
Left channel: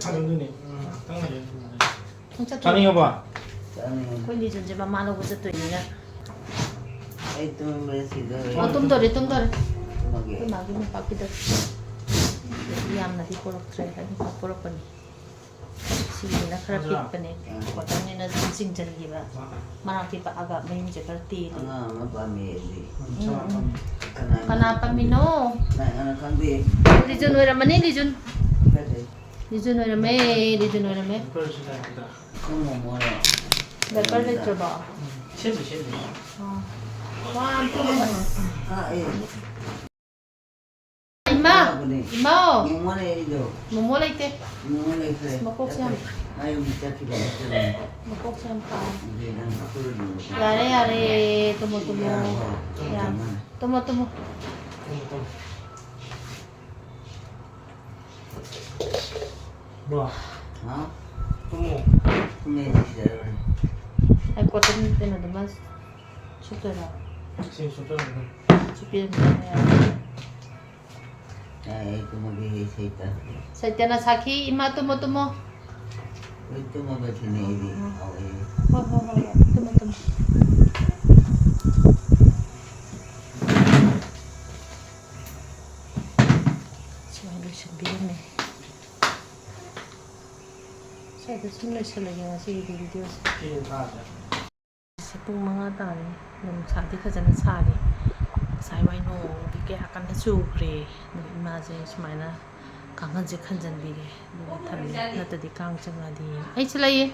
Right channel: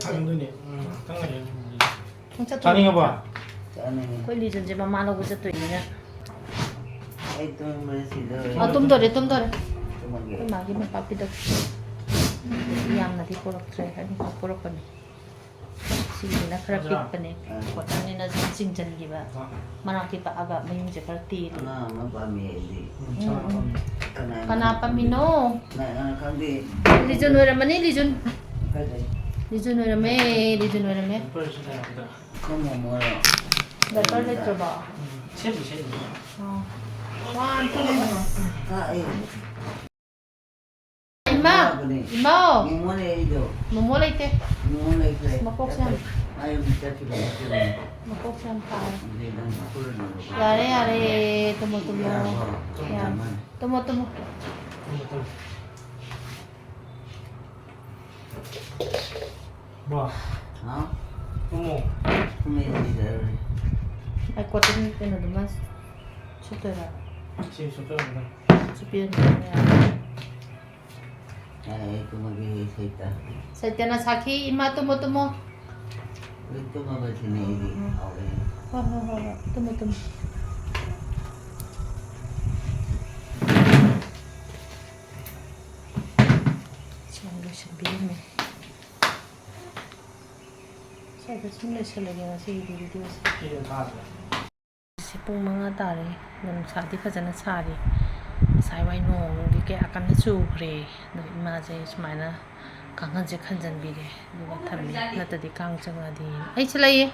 ꯆꯥꯅꯤꯡꯉꯕꯣ ꯑꯩꯈꯣꯏ ꯂꯤꯖꯟꯁꯦ ꯃꯃꯥ ꯂꯧꯕ ꯆꯠꯇꯣꯏꯅꯤꯅ ꯑꯩ ꯇꯨꯝꯕꯗ ꯁꯤꯗꯧꯔꯦ ꯇꯨꯝꯗꯣꯔꯦ ꯇꯨꯝꯃꯒꯦ ꯑꯩꯈꯣꯏ ꯃꯥꯒꯤ ꯃꯣꯝꯄꯥꯛꯄꯤꯗꯛ ꯌꯥꯝꯅꯗꯤ ꯄꯣꯔꯛꯇ꯭ꯔꯦ ꯑꯅꯤꯈꯛ ꯄꯣꯔꯛꯄꯅꯤ ꯁꯤꯁꯤꯅ ꯈꯔ ꯄꯤꯛꯄꯅꯦ ꯀꯣꯇꯟꯅꯤꯅ ꯁꯨꯝ ꯆꯤꯡꯁꯤꯟꯈꯤꯕ ꯃꯅꯥꯛꯇꯤ ꯄꯛꯑꯒ ꯃꯌꯨꯝꯁꯦ ꯈꯔ ꯇꯦꯜꯂꯤ ꯑꯉꯥꯡ ꯑꯃ ꯄꯥꯝꯃꯤ ꯑꯩꯗꯤ ꯀꯅꯥ ꯄꯥꯝꯃꯤꯅꯣ ꯅꯪ ꯈꯪꯗꯦ ꯂꯤꯖꯨꯟ ꯑꯣꯏꯔꯝꯃꯅꯤ ꯂꯤꯖꯨꯟ ꯀꯩꯗꯩ ꯂꯤꯖꯨꯟ ꯑꯣꯏꯔꯝꯃꯦ ꯂꯤꯖꯨꯟ ꯑꯣꯏꯔꯝꯃꯦ ꯈꯪꯉꯣ ꯃꯣꯔꯣ ꯗꯥꯏꯄꯔ ꯂꯩꯇ꯭ꯔꯕꯣ 이마! 이마! 뭐뭐 레이테? 먹고 참. 먹고 참 파. 야래 야래 tomo tomo. 야. tomo tomo. 뭐야? 어? 어머. Ai cotton tên là tụi mình chụp rồi đó. 지금 좀 빼면 chụp tiền ya. Ay, kumagi saita. Saita na saki ima tomo tomo. Ito mabatini ini. Ho ho ho. Tomo tomo. Sanggup sebelum ni. Saya dah semula selagi masih video. 이름 다 알아. ꯄꯨꯡ 5 ꯇꯥꯔꯦ ꯅꯨꯡꯁꯥꯗꯤ ꯐꯖꯅ ꯁꯥꯔꯤ ꯉꯁꯥꯏꯋꯥꯏ ꯅꯣꯡꯗꯤ ꯀꯌꯥ ꯀꯟꯅ ꯆꯨꯈ꯭ꯔꯦ ꯑꯗꯣ ꯏꯃꯥꯁꯦ ꯁꯨꯃꯥꯏꯅ ꯀꯥꯡꯈꯟꯁꯦ ꯈꯟꯖꯟꯕꯤꯔꯦ ꯑꯗꯨꯒ ꯊꯝꯃꯦ ꯅꯠꯇ꯭ꯔꯗꯤ ꯀꯥꯡ ꯆꯪꯉꯗꯤ ꯑꯩꯁꯨ ꯂꯩꯌꯦ